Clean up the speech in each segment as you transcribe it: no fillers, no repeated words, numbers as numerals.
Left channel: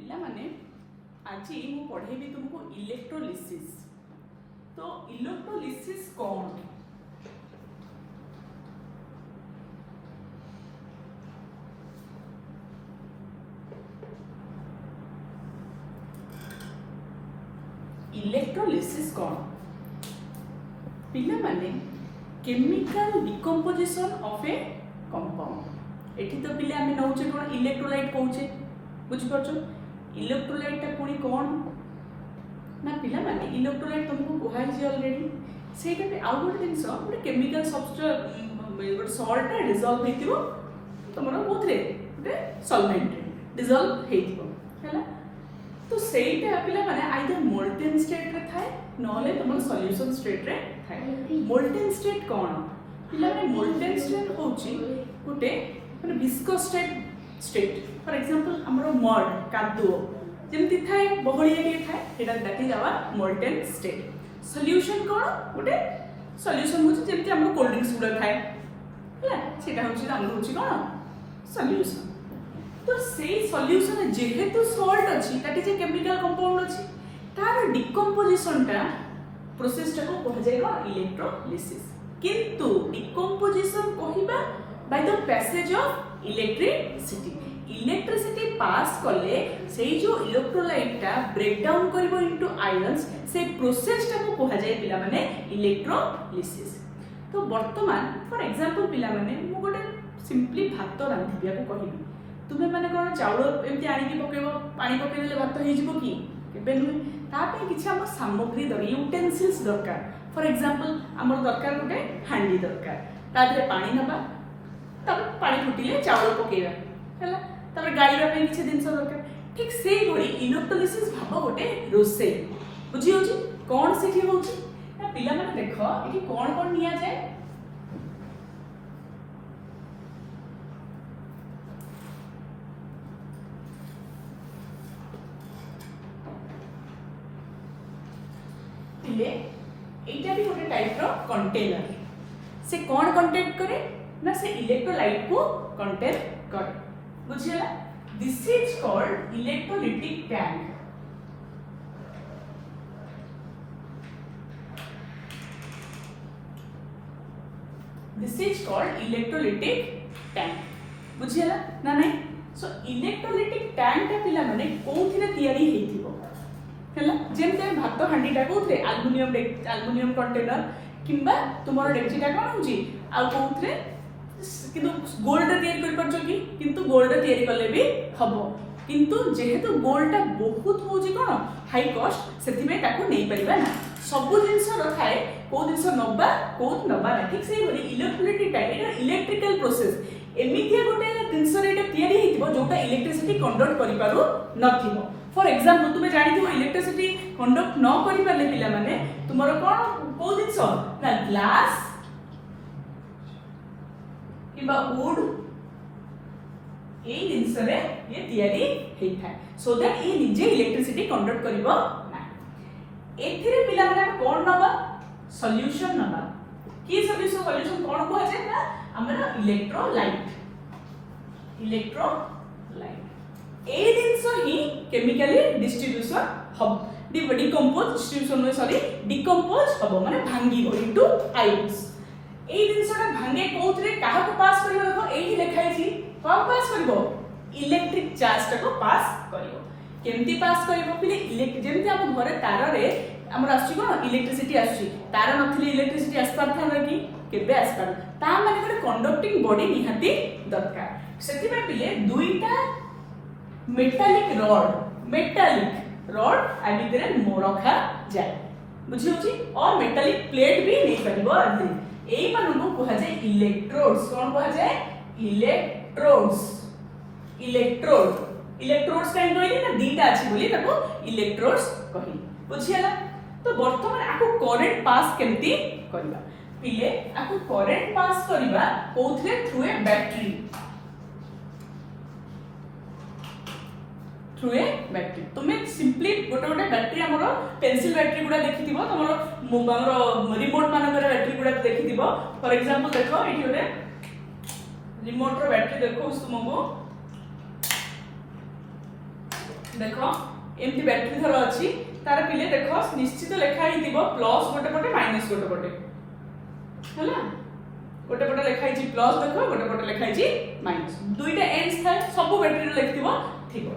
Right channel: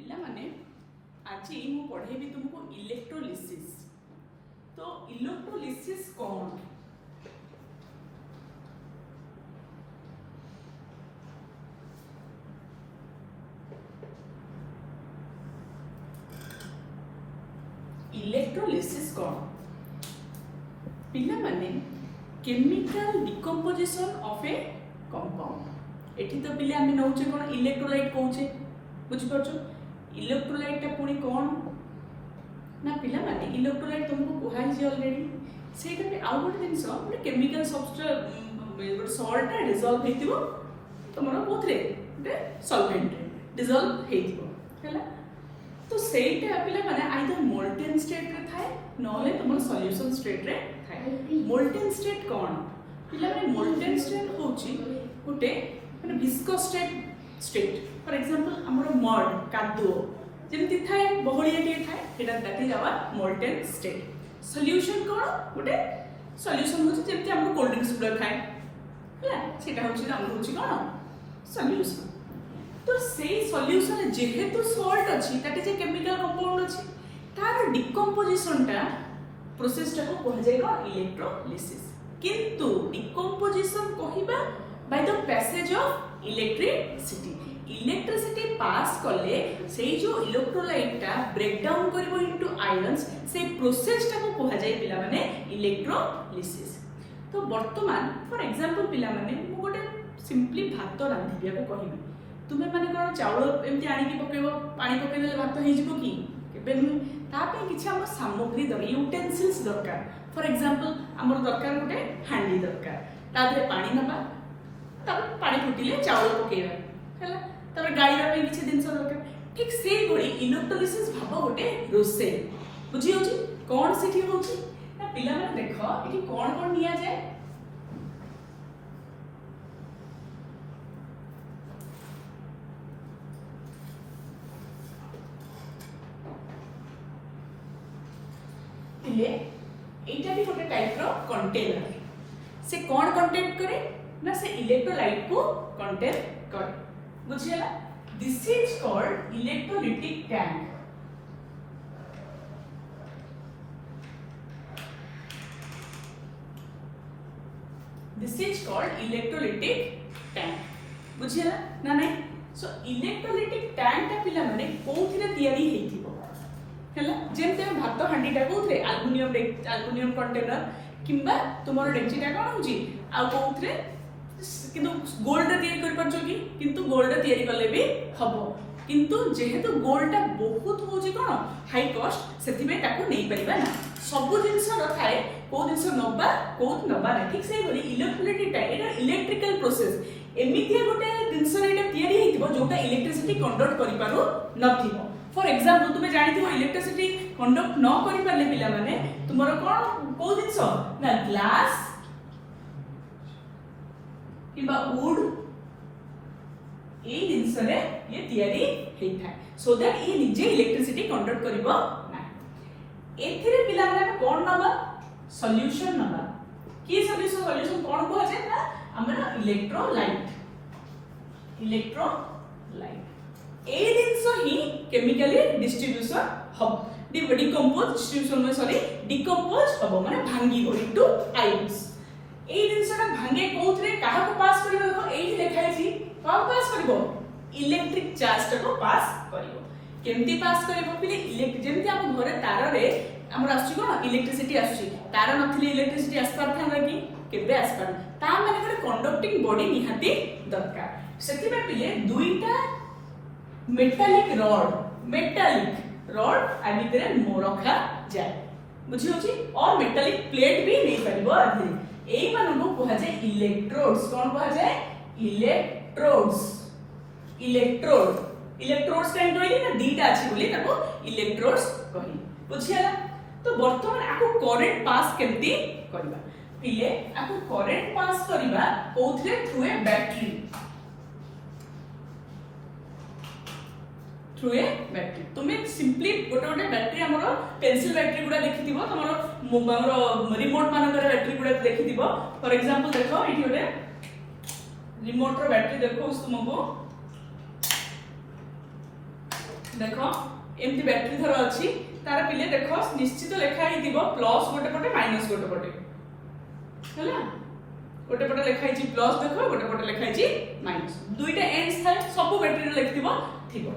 पिला माने आज मु पढ़ेबी तुमको इलेक्ट्रोलिसिस। तो इलेक्ट्रोलिसिस कौन? इलेक्ट्रोलिसिस कौन? पिला माने chemical decomposition of A compound. एठी तो पिले आमे नौचे कोन इलेक्ट्रोलाइट कहूचे, बुझ परछो। इलेक्ट्रोलाइट ता पुणी कौन ना पिला माने इलेक्ट्रोलाइट तुमको कहै जे ऑलरेडी सेटा पे आउ गोटे जिंस गोटे केमिकल सब्सटेंस गोटे सॉल्ट रे डिसॉल्व हेतिबो तमरो कोथरे गोटे सॉल्वेंट डिसॉल्व हेतिबो हैला। तो सेटा पिला माने आइदर मोल्टेन स्टेट रे थाए नले तुम सॉल्यूशन स्टेट रे थाए। मोल्टेन स्टेट कौन? पिला माने मोल्टेन स्टेट होची गोटे माने विस्कोस स्टेट। फॉर एग्जांपल हमरो मड कादुओ जेमति थाए बहळिया के थाए सेटा देखि जावा मोल्टेन स्टेट। सॉल्यूशन कोन? गोटे सॉल्यूशन होची जेमति हमरो कोल्ड ड्रिंक्स गुडा थाए हैला, सेटा होची हमरो होची कोन सॉल्यूशन। तो से सॉल्यूशन जेहेतु सॉल्ट अछि that is a chemical compound अछि तार डिकम्पोजिशन टा प्रोसेस टा को कह जाय इलेक्ट्रोलिसिस। किंतु डिकम्पोजिशन कहिबा by the passage of electricity. Electricity pass कले से जो इलेक्ट्रोलाइट टा ब्रेक डाउन करबो इनटू आयंस से प्रोसेस टा को कह जाय पिला माने इलेक्ट्रोलिसिस। तो वर्तमान फॉर एग्जांपल पिला माने मु गोटे सिंपली भात रांधिबिया को कहिबी तुमे माने कोन चावल एमति आनी के पकेबो पानी पकेले भात हे जिवो कि केबे नु ता पे किछ हम सामग्री दर यूटेंसिल्स दरकार। फॉर एग्जांपल हमर दरकार गोटे हांडी दरकार ता दरे पानी नबा तब पानी फुटिले चावल पकेबा हैला तब गाड़ी रो किछ दिन सब दरकार। ठीक से गोडी इलेक्ट्रोलिसिस भाबो गोटे रोसे बुझी होची कोन सेठी होची ना पिला माने देखो एठी कोन कोन निया जाय। एटा भी गोटे टाइप रो कंटेनर से कौन कंटेन करे ना से इलेक्ट्रोलाइट को कंटेन करे बुझियला। This is called electrolytic tank. This is called electrolytic tank बुझियला ना नहीं। सो इलेक्ट्रोलिटिक टैंक ता पिला माने कोथिरे तयारी हेथिबो हैला जेमते भात हांडीटा कोथरे एल्युमिनियम कंटेनर किंबा तुमर डेक्चिटा कोन होजी आ कोथरे किंतु गोल्ड तयारी कर परछो कि किंतु गोल्ड तयारी करले भी हबो किंतु जेहेतु गोल्डटा बहुत होजी कोन हाई कॉस्ट सेति में ताको नै परिबा ना सब जिंस रखाए को जिंस नबा ना। ठीक से बोली इलेक्ट्रोलिटिक टाइप एटा इलेक्ट्रिकल प्रोसेस एमितिया गोटे जिंस रेटा तयारी हेतिबो जोटा इलेक्ट्रिसिटी कंडक्ट करि पारु नथिबो। फॉर एग्जांपल तुमे जानि थो इलेक्ट्रिसिटी कंडक्ट न करि पारले पिला माने तुमरो कोन को जिंस ना ग्लास किबा वुड ए जिंस रे ये तयारी हेइ थाए सो दैट ए निजे इलेक्ट्रिसिटी कंडक्ट करिवो ना। एथिरे पिला माने कोन नबा सॉल्यूशन नबा की सॉल्यूशन कोन को है ना हमरा electrolyte A jeans he chemically distribution hub decompose distribution में सॉरी डिकम्पोज हबो माने भांगीबो इनटू आयंस। ए जिंसटा भांगे कोथरे काहा को पास करिवो देखो एही लिखाइ छी काहा पास करिवो इलेक्ट्रिक चार्ज को पास करिवो। केमती पास करिवो पिले इलेक्ट्रिक जेमती हम घरे तार रे हमर आसी कोन इलेक्ट्रिसिटी आसी तार नथिले इलेक्ट्रिसिटी आसपार था कि केबे आसपार ता माने गोटे कंडक्टिंग बॉडी निहाती दरकार। सेति में पिले दुईटा मेटालिक रॉड आ भितरे रखा जाए बुझी होची और मेटालिक प्लेट भी नहीं परिबो आदि एई मानु को कहा जाय इलेक्ट्रोड्स। कोन कहा जाय इलेक्ट्रोड्स काइन कहली ना दीटा अछि बोली ताको इलेक्ट्रोड्स कहि बुझियला। तो वर्तमान आको करंट पास केमती करबा पिले आको करंट पास करबा कोथरे थ्रू ए बैटरी तुम्हें सिंपली गोटे गोटे बैटरी हमरो पेंसिल बैटरी गुडा देखिथिबो हमरो रिमोट मानकर बैटरी गुडा देखिथिबो। फॉर एग्जांपल देखो एठी गोटे रिमोट रो बैटरी देखो तुमको देखो एमती बैटरी धर अछि तार पिले देखो निश्चित लेखा ही दिबो प्लस गोटे पटे माइनस गोटे पटे हला गोटे पटे लेखा ही प्लस देखो गोटे पटे लेखा ही माइनस दुईटा एंड्स थाए सब बैटरी लिखथिबो थिबो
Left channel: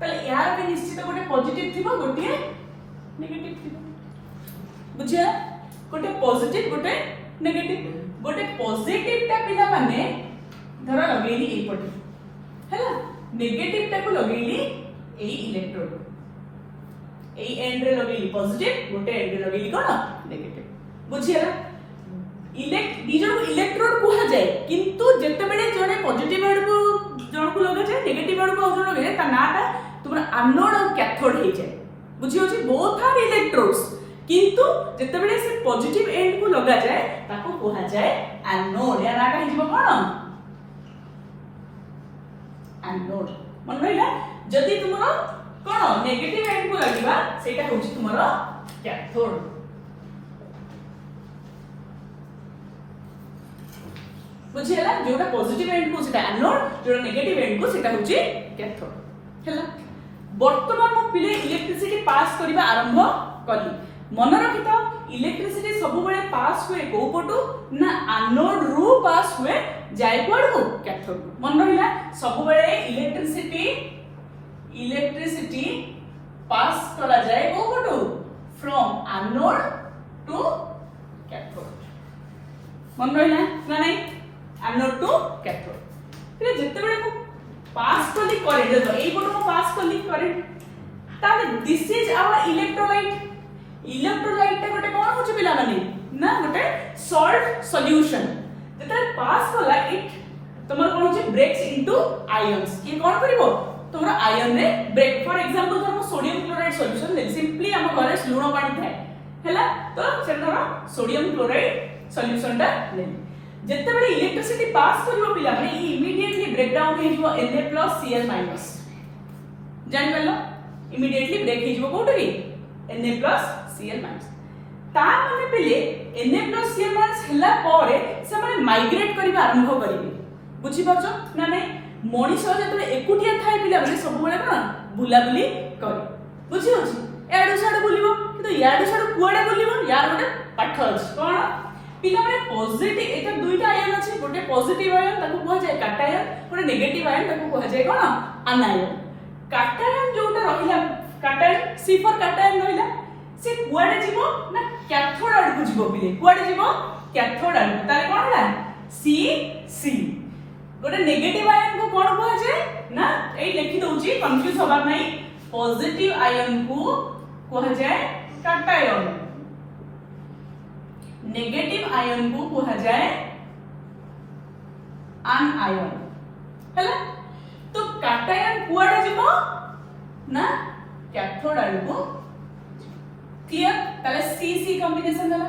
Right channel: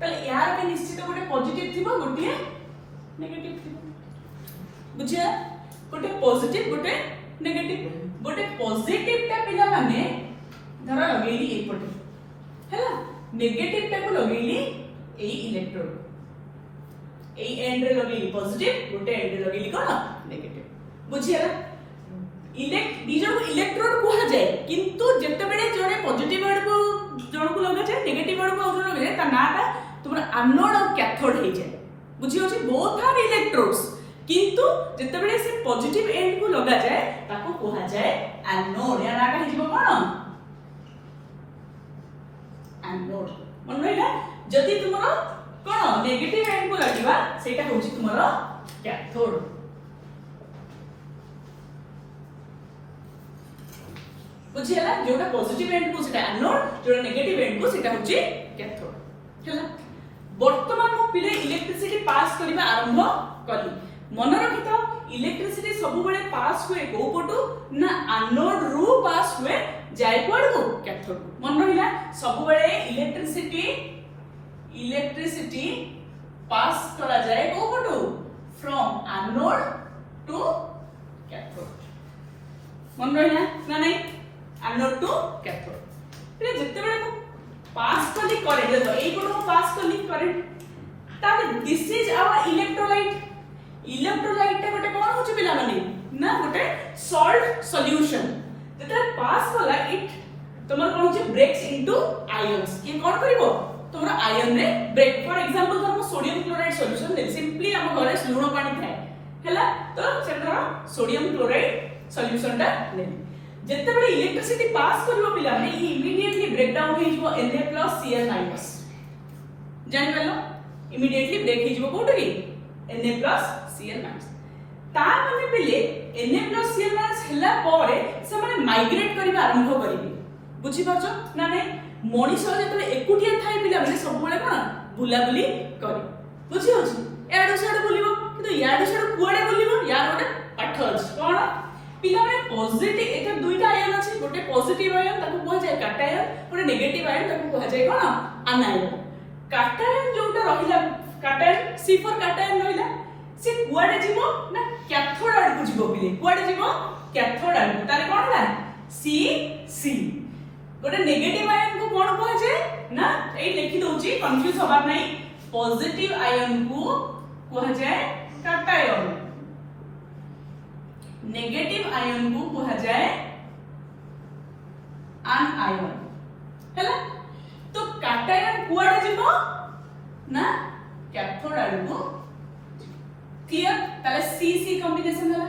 तले यार के निश्चित गोटे पॉजिटिव थिबो गोटे नेगेटिव थिबो बुझे गोटे पॉजिटिव गोटे नेगेटिव गोटे पॉजिटिव टा पिला माने धर लगेली ए पटे हला नेगेटिव टा को लगेली ए इलेक्ट्रोड ए एंड रे लगेली पॉजिटिव गोटे एंड रे लगेली कोन नेगेटिव बुझियला इलेक्ट्रोड कुहा जाए किंतु जेते बेले जने पॉजिटिव आड़ को जण को लगा जाए नेगेटिव आड़ को जण लगे ता नाटा तुमर एनोड और कैथोड हे जाए बुझियो जे बोथ आर इलेक्ट्रोड्स किंतु जेते बेले से पॉजिटिव एंड को लगा जाए ताको कुहा जाए एनोड या नाटा हे जिवो कोन एनोड मन रहिला जदि तुमर कोन नेगेटिव एंड को लागिबा सेटा होची तुमर कैथोड बुझियला जोटा पॉजिटिव एंड को सेटा एनोड जोटा नेगेटिव एंड को सेटा होची कैथोड हला वर्तमान मो पिले इलेक्ट्रिसिटी पास करिबा आरंभ करी मन रखिता इलेक्ट्रिसिटी सब बेले पास हुए को पटु ना एनोड रु पास हुए जाय कोड को कैथोड मन रहिला सब बेले इलेक्ट्रिसिटी पास करा जाए को पटु फ्रॉम एनोड टू कैथोड मन रहिला ना नहीं एनोड टू कैथोड फिर जते बेले को पास कली करे देखो एई पटु को पास कली करे ताले दिस इज आवर इलेक्ट्रोलाइट ता गोटे कोन होचे पिला माने ना गोटे सॉल्ट सॉल्यूशन जते पास कला इट तमर कोन होचे ब्रेक्स इनटू आयंस ये कोन करिवो तमर आयन रे ब्रेक फॉर एग्जांपल हम सोडियम क्लोराइड सॉल्यूशन ले सिंपली हम घरे लूण पानी थाए हैला तो सेटर सोडियम क्लोराइड सॉल्यूशन ता ले जते बडे इलेक्ट्रिसिटी पास करलो पिला माने इमीडिएटली ब्रेक डाउन हे जो Na+Cl- जान गलो इमीडिएटली ब्रेक हे जो कोटरी Na+Cl- ता माने पहिले Na+Cl- हला पारे से माने माइग्रेट करिबा आरंभ करिबे बुझी परछो ना नै मनीष जतले एकुटिया थाए पिला माने सब बेले कोन बुला बुली करे बुझी होची एडो साडो बुलिबो तो याडो साडो कुआडे बुलिबो यार गोटे पाठ अछि कोन पिला माने पॉजिटिव एटा दुईटा आयन अछि गोटे पॉजिटिव आयन ताको कुआ जाय कैटायन गोटे नेगेटिव आयन ताको कुआ जाय कोन आनायन कैटायन जोटा रहिला कैटायन सी फॉर कैटायन रहिला से कुआडे जीवो ना कैथोड आड़ को जीवो पिले कुआडे जीवो कैथोड आड़ तारे कोन होला सी गोटे नेगेटिव आयन को कोन कुआ जाय ना ए लिखि दउची कंफ्यूज होबा नै पॉजिटिव आयन को कुआ जाय कैटायन नेगेटिव आयन को कहा जाए आनआयन हैला तो कैटायन कुआडे जीवो ना कैथोड आड़ को क्लियर ताले सी कॉम्बिनेशन होला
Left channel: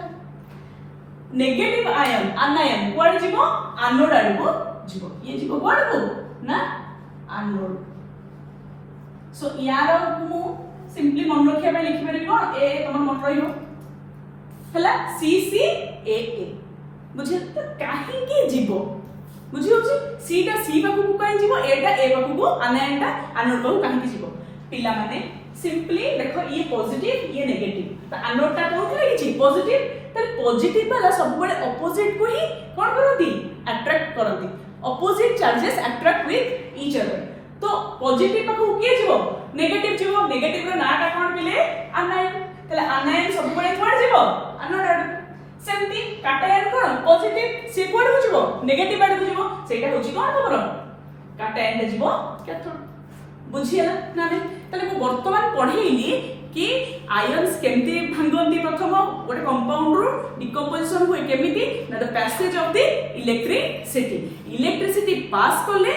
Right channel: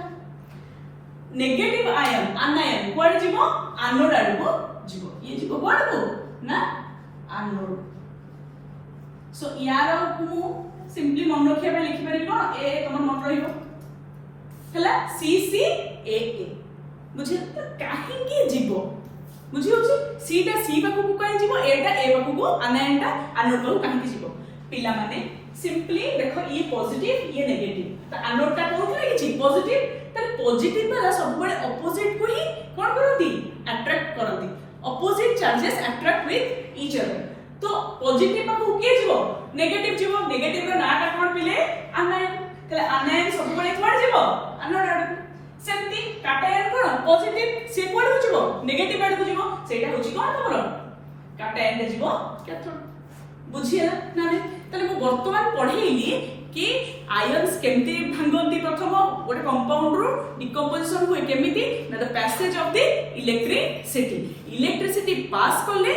नेगेटिव आयन आनआयन कुआडे जीवो एनोड आड़ को जीवो ये जीवो कुआडे को ना एनोड सो यार को सिंपली मन रखिया पे लिखि पारि कोन ए तमन मन रहियो हला CCAA बुझे तो काहे के जीवो बुझी होची सी टा सी बाकू को काहे जीवो ए टा ए बाकू को आनायन टा एनोड बाकू काहे जीवो पिला माने सिंपली देखो ये पॉजिटिव ये नेगेटिव तो एनोड टा कोन लागिची पॉजिटिव त पॉजिटिव वाला सब बड़े ऑपोजिट को ही कोन करंती अट्रैक्ट करंती opposite charges attract with each other तो पॉजिटिव बाकू के जीवो नेगेटिव रो नाटा कोन पिले आनायन तले आनायन सब बड़े कोन जीवो एनोड आड़ सेमती कैटायन कोन पॉजिटिव से कोन होजिवो नेगेटिव आड़ होजिवो सेटा होजी कोन तमरो कैटायन रे जीवो कैथोड बुझियला ना ने तले मो वर्तमान पढेइली कि आयन्स केमती भांगंती प्रथम गोटे कंपाउंड रो डिकंपोजिशन होय केमिति ना the passage of the electricity pass करले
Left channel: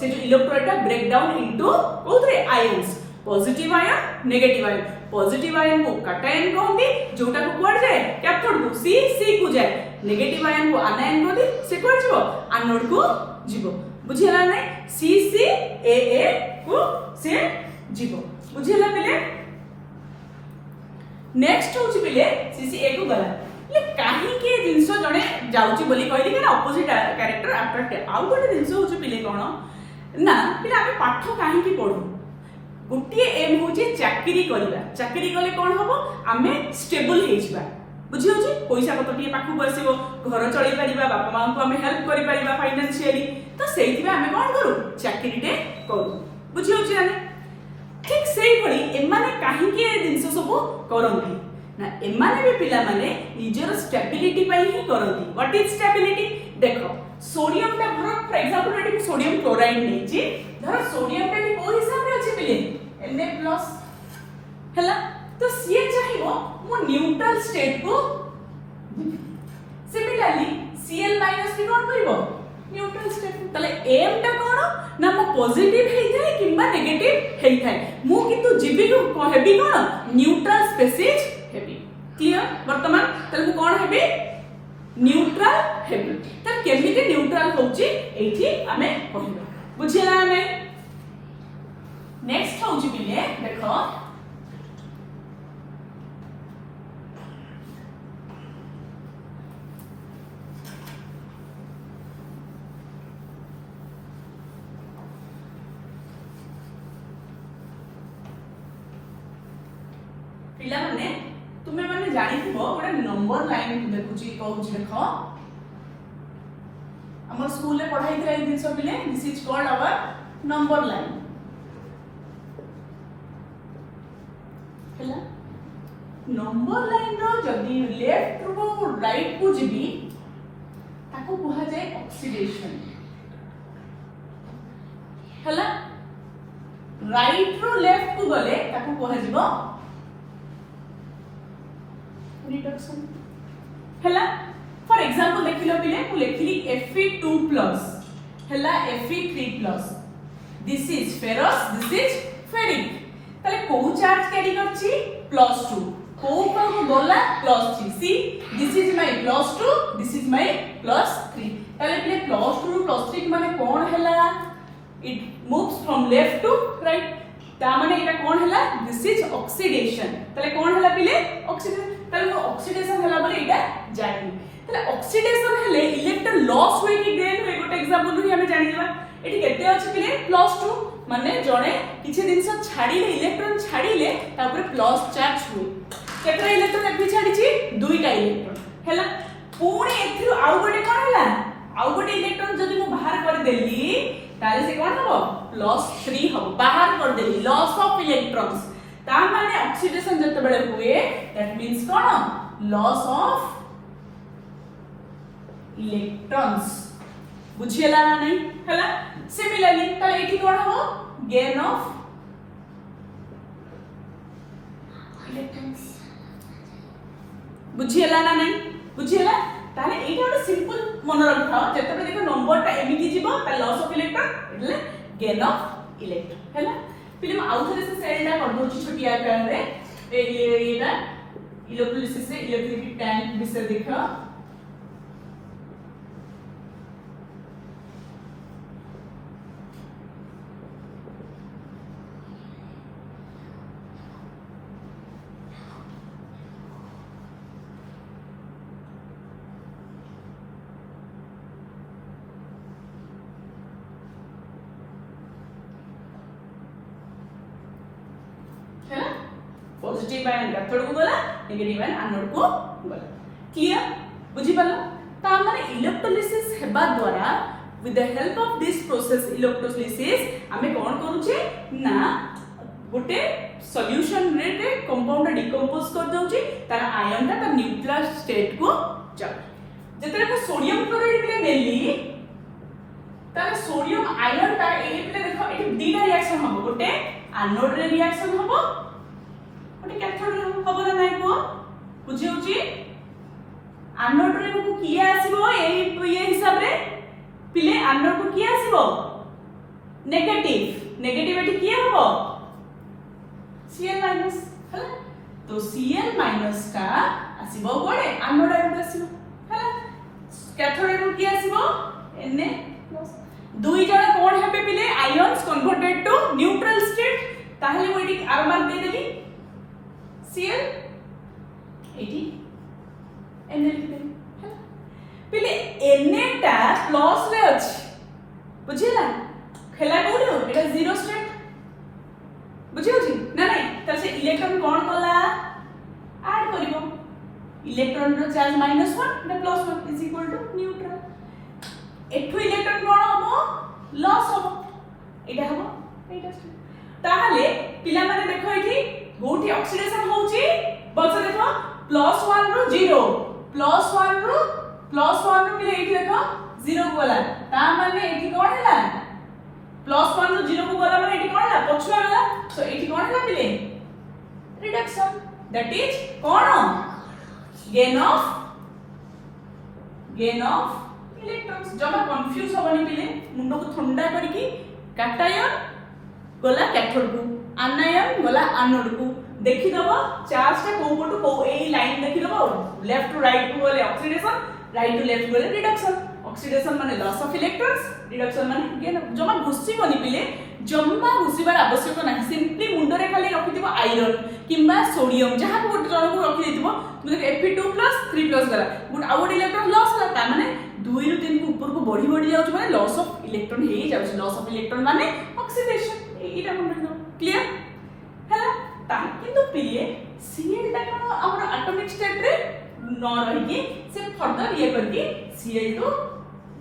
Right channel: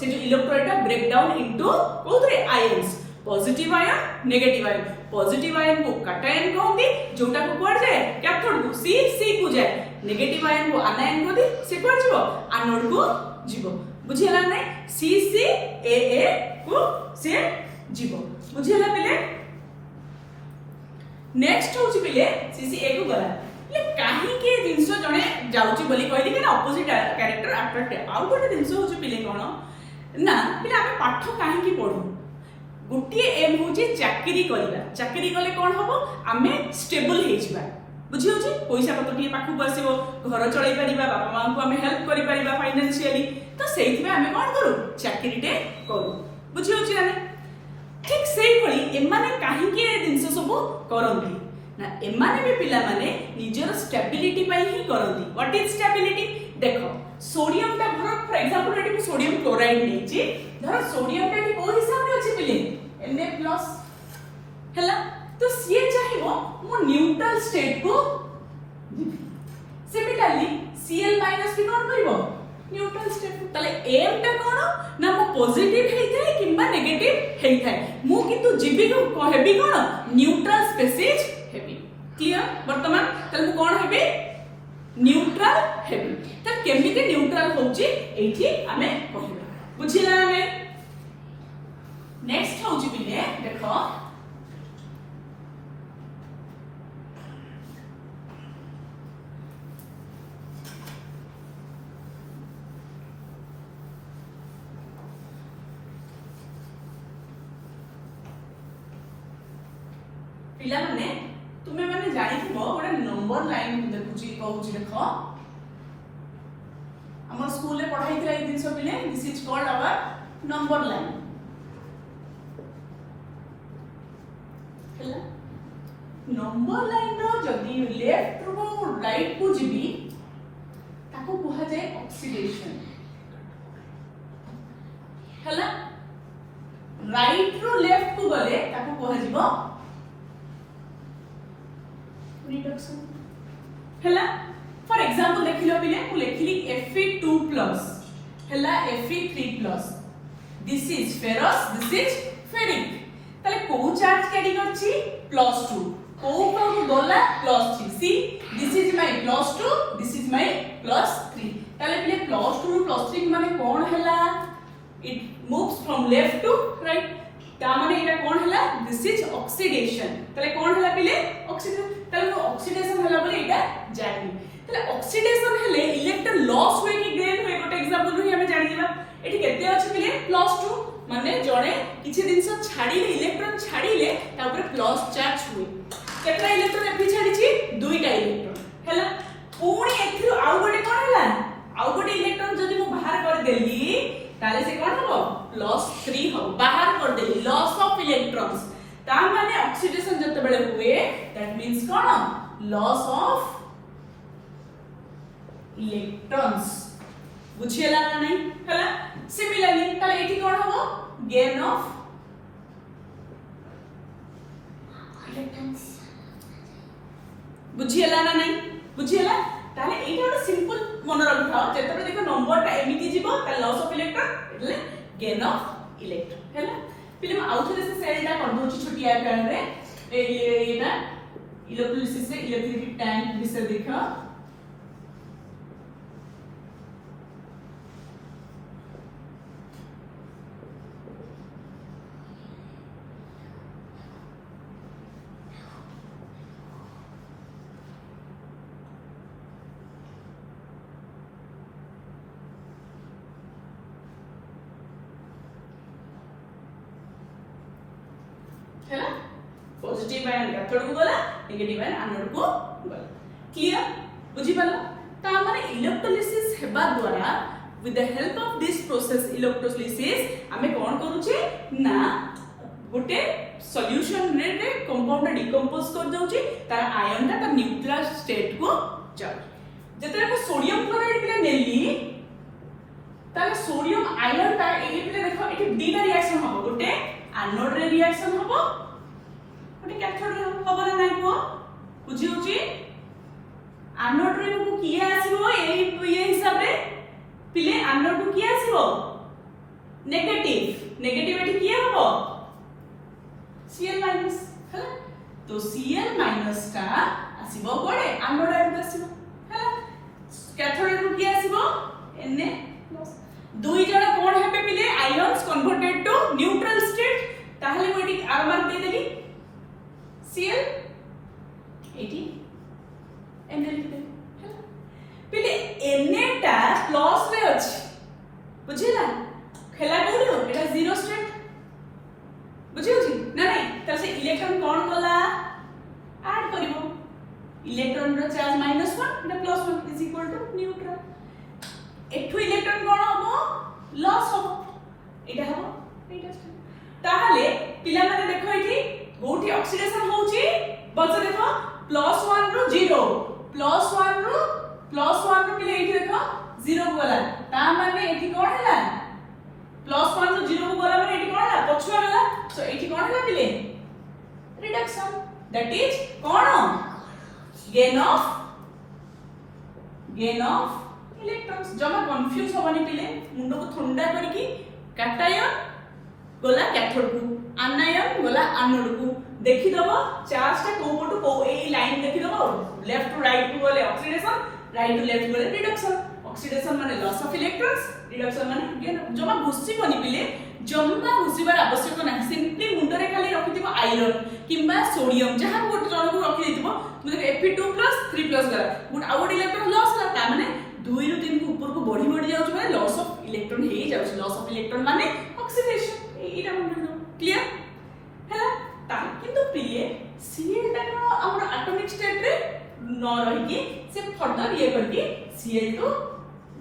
से जो इलेक्ट्रोड ब्रेक डाउन इनटू कोथरे ions positive ion negative ion positive ion को कैटायन कहंती जोटा को कुआड जाए कैथोड को सी को जाए नेगेटिव आयन को आनायन कहंती से कुआड जीवो एनोड को जीवो बुझियला नै CCAA को से जीवो बुझियला पिले नेक्स्ट होची पिले CCA को गला ले काहे के जिंसो जने जाउची बोली कहली कि ऑपोजिट कैरेक्टर अट्रैक्ट आउ गोटे जिंसो होची पिले कोन ना पिले आमे पाठ काहे की पढू गोटे एम होचे चाकरी करबा चाकरी कले कोन हबो आमे स्टेबल हे जिबा बुझी होची पैसा पत्र टिए पाखु बसिबो घर चलै परिबा बापा मां को आमे हेल्प करि परिबा फाइनेंशियली तो सेहि में आमे कोन करू चाकरी टे करू बुझी होची आमे ठीक सेही भली एमाने काहे के जिंस सब करंती ना एमाने भी पिला माने निजर स्टेबिलिटी पई ही करंती व्हाट इज स्टेबिलिटी देखो सोडियम टा फॉर एग्जांपल एटी सोडियम क्लोराइड लेची धर सोडियम टा भी को हिसाब रे अछि पिले Na+ हला तो सीए चाहिबो मो न्यूट्रल स्टेट को सिमिलरली Cl- भी कोन करबो न्यूट्रल स्टेट तले एम टा कोन ना मो पॉजिटिव हेई थाए किबा नेगेटिव हेई थाए मु किंतु जीबी को हेबी कोन न्यूट्रल स्पेसिस हेबी क्लियर वर्तमान तले मु कोन हेबी न्यूट्रल हेबी त केमिति न्यूट्रल होची एठी आमे कहिबा बुझिला ने नेक्स्ट होची बिले देखो पिला माने तुमे माने जानि थबो गोटे नंबर लाइन देखुची कहूची देखो हमर स्कूल ले पढ़ाई थे दिन सब बिले this is called our number line हला नंबर लाइन रो जदी लेफ्ट रो राइट को जिबी ताको कहा जाय ऑक्सीडेशन हला राइट रो लेफ्ट को गले ताको कहा जिवो रिडक्शन हला फॉर एग्जांपल देखिलो पिले मु लेखिली Fe2+ हला Fe3+ this is ferrous this is ferric तले को चार्ज कैरी करछि +2 को बोला +3 see this is my +2 this is my +3 तले पिले +2 ରୁ +3 माने कोन हला it moves from left to right ता माने एटा कोन हला दिस इज ऑक्सीडेशन तले कोन हला पिले ऑक्सीडेशन तले ऑक्सीडेशन हला बले एटा जानि तले ऑक्सीडेशन हेले इलेक्ट्रॉन लॉस होई कि गेन होई गोटे एग्जांपल नु हमें जानिला एटी केते अछि पिले +2 माने जणे किछि दिनस छाडिले इलेक्ट्रॉन छाडिले तापर प्लस चार्ज हो केतरा इलेक्ट्रॉन एपि छाडी छी दुईटा इलेक्ट्रॉन हला पुणी एथिरु आउ गोटे कोन हला आउ गोटे इलेक्ट्रॉन जदि मु बाहर कर देली ताले से कोन हबो +3 हबो बाहर कर देली लॉस ऑफ इलेक्ट्रॉन्स ता माने ऑक्सीडेशन जते बेले हुए दैट मींस कोन लॉस ऑफ इलेक्ट्रॉन्स बुझियला ना नहीं हला सिमिलरली ताले एठी कोन हबो गेन ऑफ इलेक्ट्रॉन्स बुझियला ना नहीं बुझियला ताले एठी गोटे सिंपल मन रखाओ जते देखो नंबर ता एमिति जीवो ता लॉस ऑफ इलेक्ट्रॉन એટલે गेन ऑफ इलेक्ट्रॉन हला फिल्म आउथरे से सेल टा कर दोची छोटी आकार रे एटा इलेक्ट्रोलिसिस से इलेक्ट्रिक टैंक विषय देखो पॉजिटिव आयन कैथोड को गला नेगेटिव आयन एनोड को गला क्लियर बुझी पालो ता माने इलेक्ट्रोलिसिस हेबा द्वारा with the help of this process electrolysis हमें कोन करूचे ना गोटे सॉल्यूशन रे कंपाउंड डिकंपोज कर दउची तार आयन ता न्यूट्रल स्टेट को जाउ जतरे को सोडियम क्लोराइड पे नेली तार सोडियम आयन ता एले पे देखो एठी दीटा रिएक्शन हबो गोटे एनोड रे रिएक्शन हबो ओटे कैथोड हबो ना नाइ को बुझी होची एनोड रे को किए आसीबो ये हिसाब रे पिले एनोड को किए आसीबो नेगेटिव नेगेटिव एठी किए हबो Cl- हला तो Cl- का आसीबो कोडे एनोड आयन आसीबो हला कैथोड रे को किए आसीबो Na+ दुई जण कोन हेबे पिले ions converted to neutral state ताहले mo एठी आर मार्क दे देली Cl 80 Na लिखते पिले Na टा प्लस ले अछि बुझिला खेला कोडो एटा जीरो स्टेट बुझ इलेक्ट्रॉन रो चार्ज -1 ना +1 इज इक्वल टू न्यूट्रल एठु इलेक्ट्रॉन कोन हो लॉस हो एटा हो एटा ताहले पिला माने देखो एठी गोटी ऑक्सीडेशन होची बस देखो +1 रो 0 +1 रो पिले एठी देखो 0 गला ता माने एठी कोन हैला +1 रो 0 गला माने एठी कोन हैला पछुआ गला सो एठी कोन हैला पिले reduction that is cone gain of electrons जमा कंफ्यूज होबनी पिले मुंडो को ठंडा करके कैटायन गला कैथोड को आनायन गला एनोड को देखि दबो चार्ज ता को पटु को एई लाइन देखि दबो लेफ्ट टू राइट को गले ऑक्सीडेशन राइट टू लेफ्ट गले रिडक्शन ऑक्सीडेशन माने लॉस ऑफ इलेक्ट्रॉन्स रिडक्शन माने गेन जमा घुसी बनी पिले जम्मा घुसीबार आवश्यक नाही सिंपली मुंडो रे खाली रखिथिबो आयरन किंबा सोडियम जहा को गोटे जन को रखि दिथिबो तुमे Fe2 3 गला गुड आउट इलेक्ट्रॉन लॉस होला ता माने 2 रु 3 को ऊपर को बढ़ी जाउछ माने लॉस ऑफ इलेक्ट्रॉन हे जाउछ लॉस ऑफ इलेक्ट्रॉन माने ऑक्सीडेशन एटा मन बिनो क्लियर हैला ता किंतु पिले Cl ता को हमर एटॉमिक स्टेट रे न रही से फर्दर ये करके Cl2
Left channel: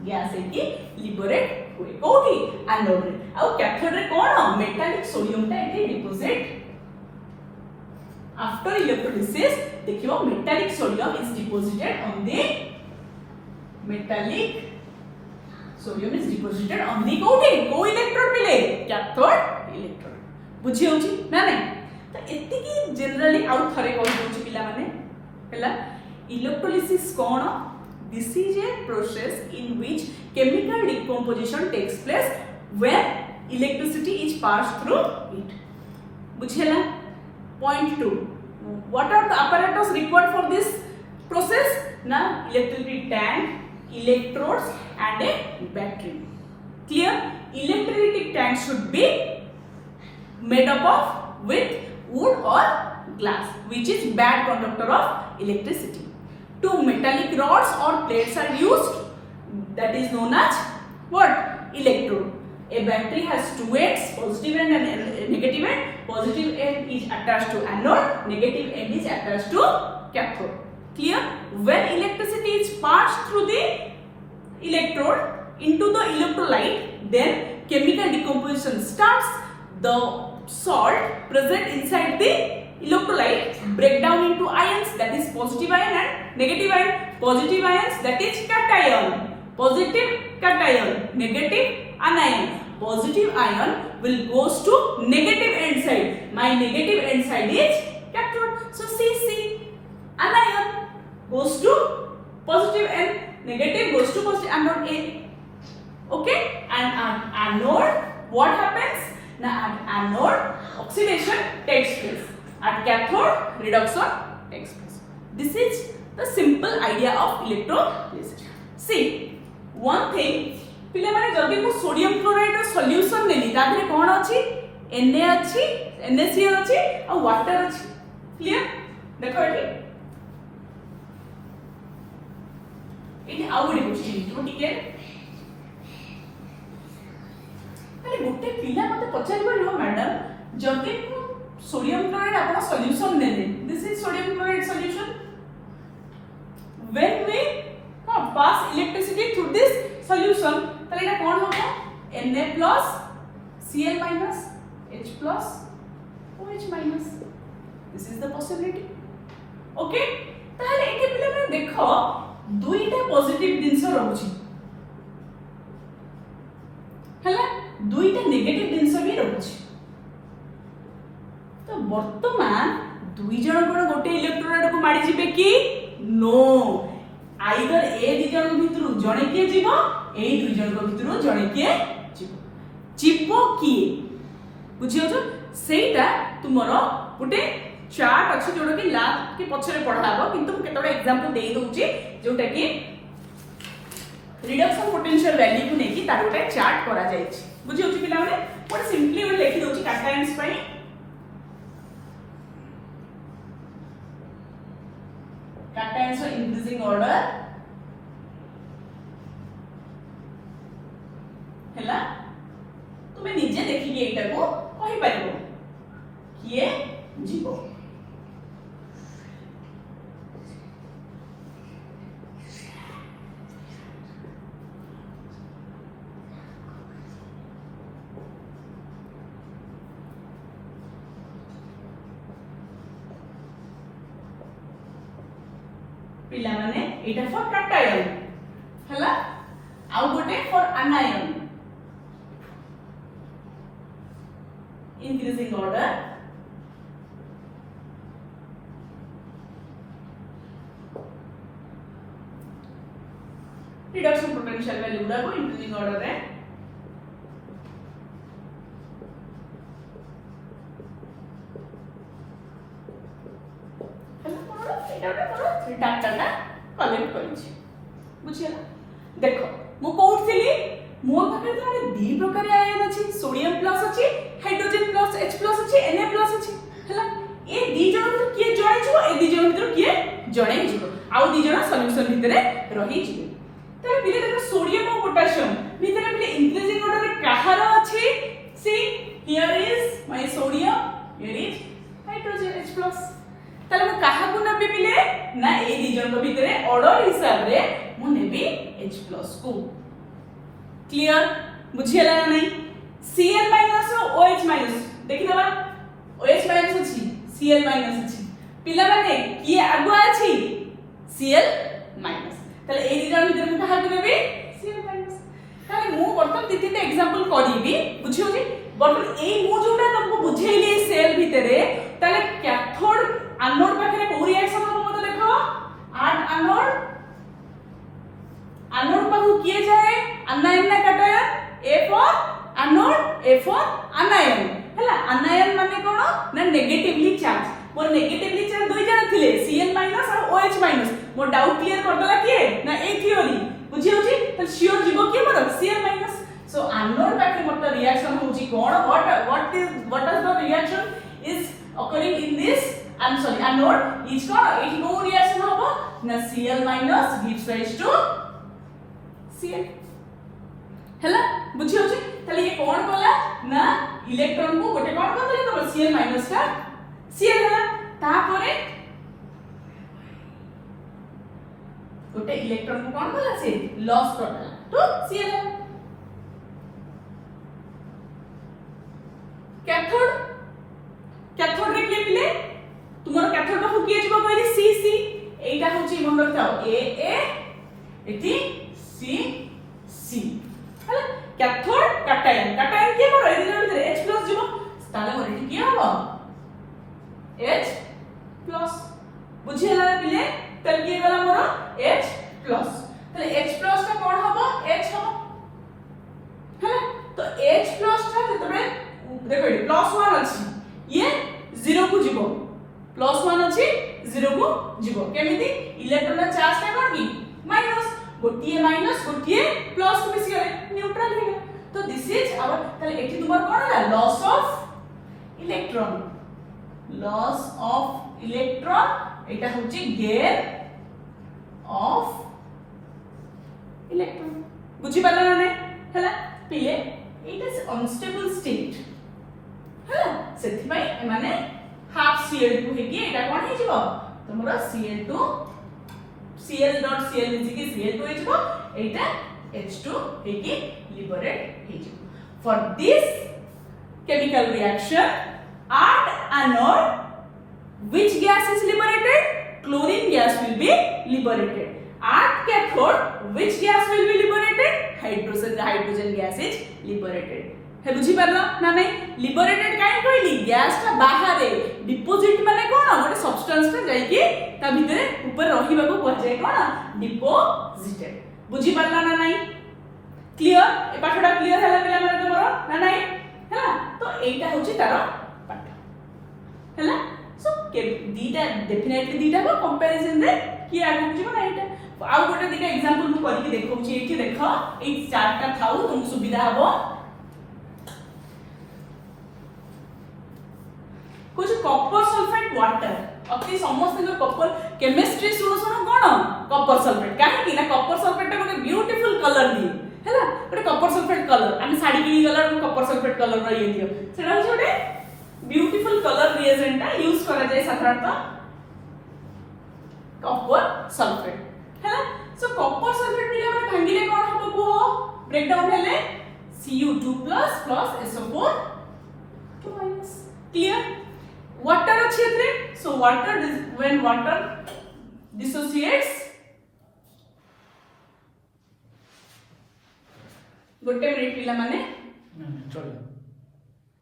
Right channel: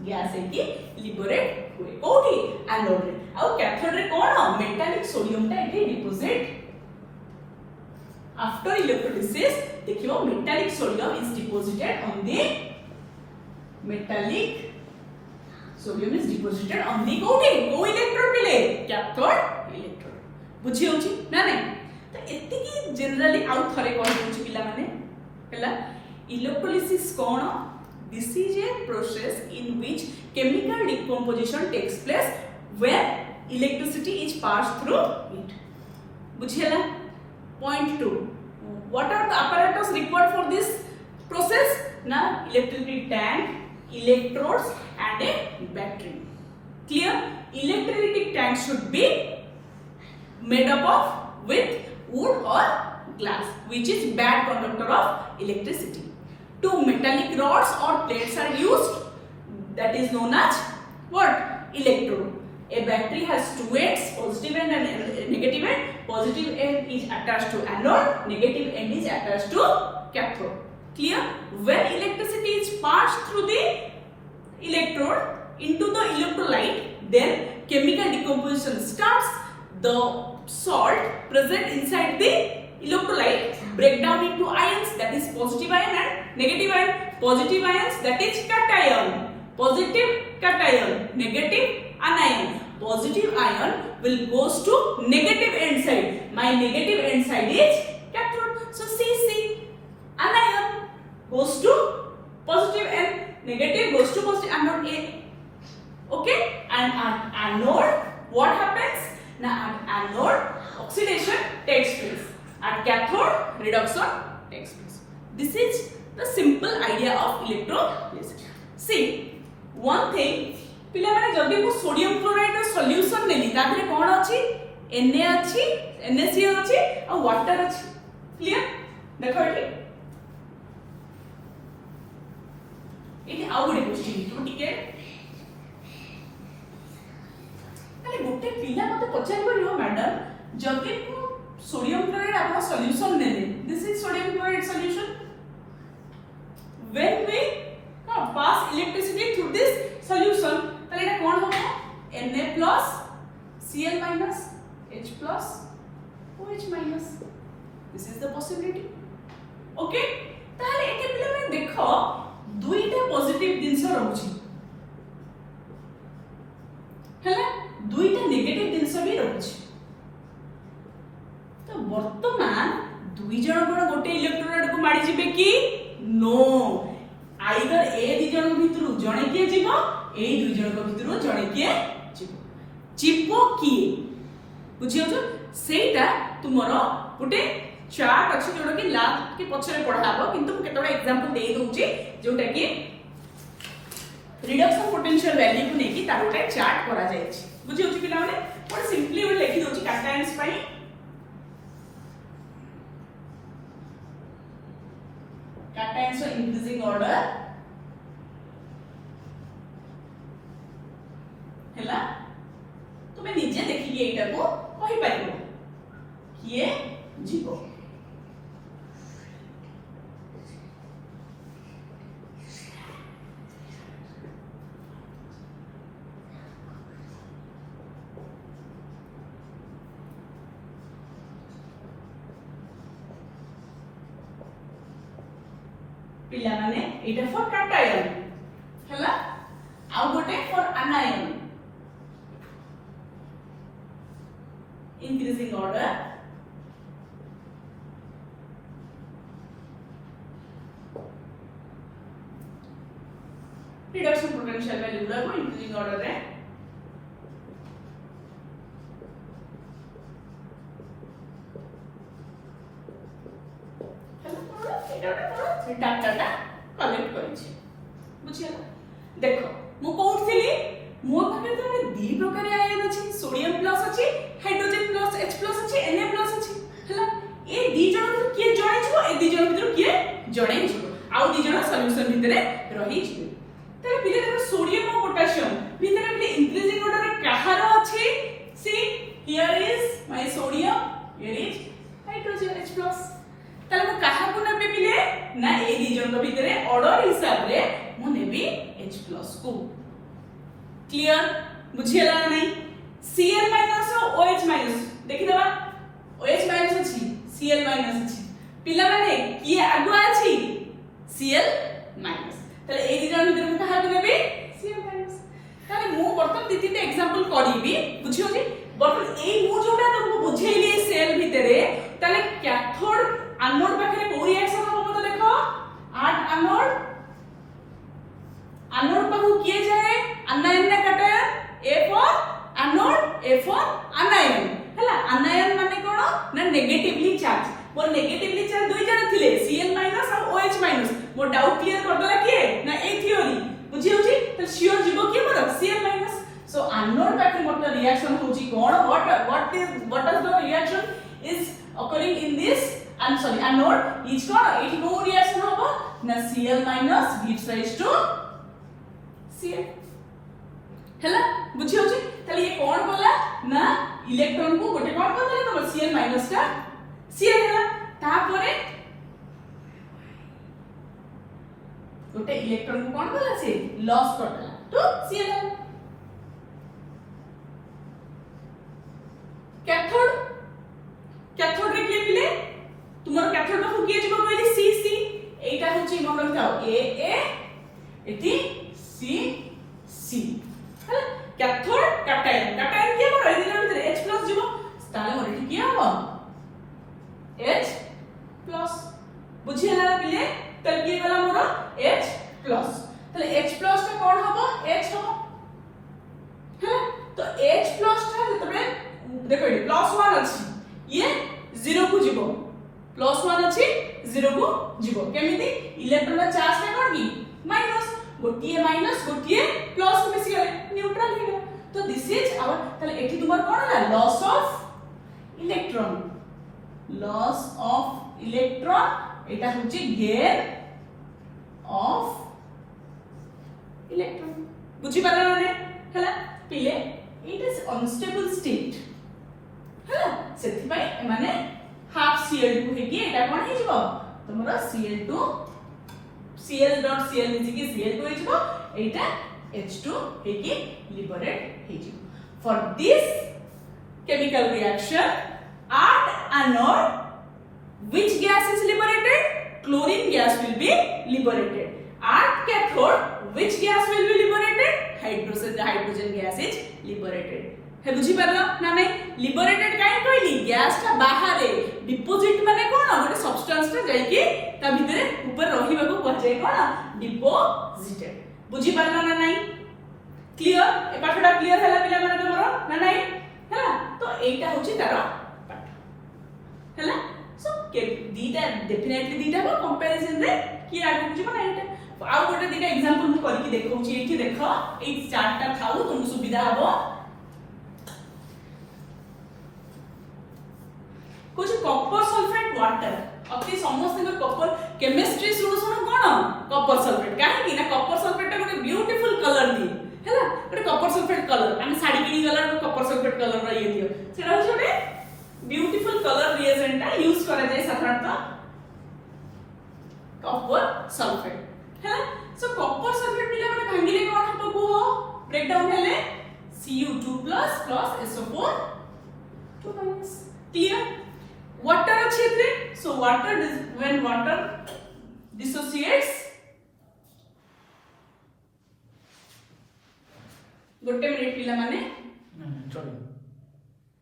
गैस है लिबरेट हुए कोठी एनोड रे आ कैथोड रे कोन मेटालिक सोडियम ता एठी डिपोजिट आफ्टर इलेक्ट्रोलिसिस देखियो metallic sodium is deposited on the metallic sodium is deposited on the coating co electrode पिले cathode electrode बुझी होची ना नहीं तो एति की जनरली आउ थरे कहि होची पिला माने हला electrolysis cone this is a process in which chemical decomposition takes place when electricity is passed through it बुझियला point 2 what are the apparatus required for this process na electricity tank electrodes and a battery clear electricity tank should be made up of with wood or glass which is bad conductor of electricity two metallic rods or plates are used that is known as what electrode a battery has two ends positive end and negative end positive end is attached to anode negative end is attached to cathode clear when electricity is passed through the electrode into the electrolyte then chemical decomposition starts the salt present inside the electrolyte break down into ions that is positive ion and negative ion positive ions that is cation positive cation negative anion positive ion will goes to negative end side my negative end side is cathode so Cc anion goes to positive and negative goes to positive anode A okay and anode what happens now at anode oxidation takes place at cathode reduction takes place this is the simple idea of electrolysis see one thing पिले माने जदी को sodium chloride रो solution नेली तादरे कोन अछि Na अछि NaCl अछि आ water अछि clear देखो एठी एठी आउ गोटे क्वेश्चन तो ठीक है पहले गोटे पिला मते पचारिबो नो मैडम जदी को सोडियम क्लोराइड आपन सॉल्यूशन नेले this is sodium chloride solution when we pass electricity through this solution তাহলে এটা কোন হবে Na plus Cl minus H plus OH minus this is the possibility okay তাহলে এতে পিলা মানে দেখো দুইটা পজিটিভ জিনিস রহুছি হলা দুইটা নেগেটিভ জিনিস বি রহুছি তো বর্তমান দুই জন কোন গোটে ইলেকট্রন আডকু মারি জিবে কি নো आइदर ए दि जन भितरु जणे के जीवो ए दुई जन को भितरु जणे के जीवो जीवो की बुझियो जो सेटा तुमरो गुटे चार्ट अछि जोडो कि ला के पछरे पढाबो किंतु केतोडा एग्जांपल देई दोउची जोटा कि रिडक्शन पोटेंशियल वैल्यू को नेकी तार गोटे चार्ट करा जाय छी बुझियो छी पिला माने पर सिंपली वे लिखि दोउची कैटायंस पई cations are increasing order हैला तुमे निजे देखिए एटा को कहि पाइबो किए जीवो पिला माने एटा फॉर कैटायन हला आउ गोटे for आनायन increasing order reduction potential value गुड़ा को increasing order रे हेलो मोर एटा मोर से डाटा कलेक्ट करछि बुझियला देखो मु कहउथिली मोर पाखे तो दी प्रकार आयन अछि सोडियम प्लस अछि हाइड्रोजन प्लस H प्लस अछि Na प्लस अछि हला ए दी जण भीतर किए जणे छिवो ए दी जण भीतर किए जणे छिवो आउ दी जण सॉल्यूशन भीतर रही छिवो तले पिले देखो सोडियम और पोटेशियम भीतर पिले इंक्रीजिंग ऑर्डर रे कहार अछि see here is my sodium here is hydrogen H plus तले मु कहा को नेबे पिले ना ए दी जण भीतर ऑर्डर हिसाब रे मु नेबी H प्लस को क्लियर बुझियला ना नहीं Cl माइनस और OH माइनस देखि देबा OH माइनस अछि Cl माइनस अछि पिला माने किए आगु अछि Cl माइनस तले ए रिजन भीतर मु कहा देबे Cl माइनस तले मु बर्तन तीतीटा एग्जांपल करिबी बुझियो जे बर्तन ए मु जोटा तुमको बुझेइली सेल भीतरे तले कैथोड एनोड पाखरे को रिएक्शन हो मत देखो आठ एनोड एनोड पाखु किए जाए आनायन ना cation A for anode A for anion हला anion माने कोन ना negatively charge more negatively charge दुई जण थिले Cl माइनस और OH माइनस मोर डाउट क्लियर कर दला किए ना ए थ्योरी बुझी होची त श्योर जीवो की मतलब Cl माइनस सो एनोड पाखे मोर रिएक्शन होची कोन what is the reaction is occurring in this I'm sorry anode is कोन इट नो रिएक्शन होबो ना Cl minus gives rise to Cl हला बुझी होची तले ये कोन बोला ना इलेक्ट्रॉन को गोटे कोन कर देले तो Cl माइनस का Cl हला ता परे गोटे इलेक्ट्रॉन को कोन बोला से लॉस कर देला तो Cl कैथोड रे के पिले तुमरो कैथोड को किए जीव कहली CC एटा होची मन रखाओ A एटी C हला कैथोड कैटायन के मोर एदी भीतर H प्लस जीव ताले मोर एटी किया हो H प्लस बुझियला पिले तल के गला मोर H प्लस तले H प्लस का कोन हबो H हबो हला तो H प्लस था जतबे देखो प्लस 1 अछि ये 0 को जीवो प्लस 1 अछि 0 को जीवो केमिति इलेक्ट्रॉन चार्ज का कोन की माइनस गोटिए माइनस गोटिए प्लस को मिसी गले न्यूट्रल हो गया तो दिस इज आवर तले एठी तुमार कोन है लॉस ऑफ इलेक्ट्रॉन एटा होची गेन ऑफ इलेक्ट्रॉन बुझी पाला ना हला पिले इट इज अनस्टेबल स्टेट हला सेति भाई माने हाफ Cl2 हेकी एटा कोन हे जिवो तुमरा Cl2 Cl dot Cl is की Cl2 हेजिवो एटा H2 हेकी लिबरेट हेजिवो for this chemical reaction at anode which gas is liberated chlorine gas will be liberated at cathode which gas will be liberated hydrogen gas is liberated है बुझी परला ना नहीं liberated काहे कहली गैस का बाहर डिपोजिट माने कोन गोटे सब्सटेंस ता जाई कि ता भीतर ऊपर रहिबा को कहजे कोन डिपोजिटेड बुझी परला ना नहीं क्लियर ए पाठडा क्लियर हला पिला माने तमरो ना नहीं हला तो एटा होची तारो पाठ हला सो के दीटा डेफिनेटली दीटा को कंपैरिजन रे कि आगु बुझी ना एटा आउ गोटे दीटा एग्जांपल मु करके देखौची एठी देखो ए चारटा थाउ तुम सुविधा हबो कुछ कॉपर सल्फेट वाटर अति समस्त जो कॉपर केमिस्ट्री सुनो सुनो कोन कॉपर सल्फेट काहे कि ना कॉपर सल्फेट ता गोटे ब्यूटीफुल कलर दिए हैला गोटे कॉपर सल्फेट कलर हम साड़ी किनी कलर कॉपर सल्फेट कलर रा ये दियो सेटा गोटे ब्यूटीफुल कलर रिएजेंट ता यूज करा जाय साधारणतः कॉपर सल्फेट हैला सो कॉपर सल्फेट दिले माने भांगिले कोन हबो को ब्रेक डाउन हेले Cu2+ SO4 क्लियर वाटर अच्छे थे so water when water dissociates गोटे मिनिट पिला माने चलो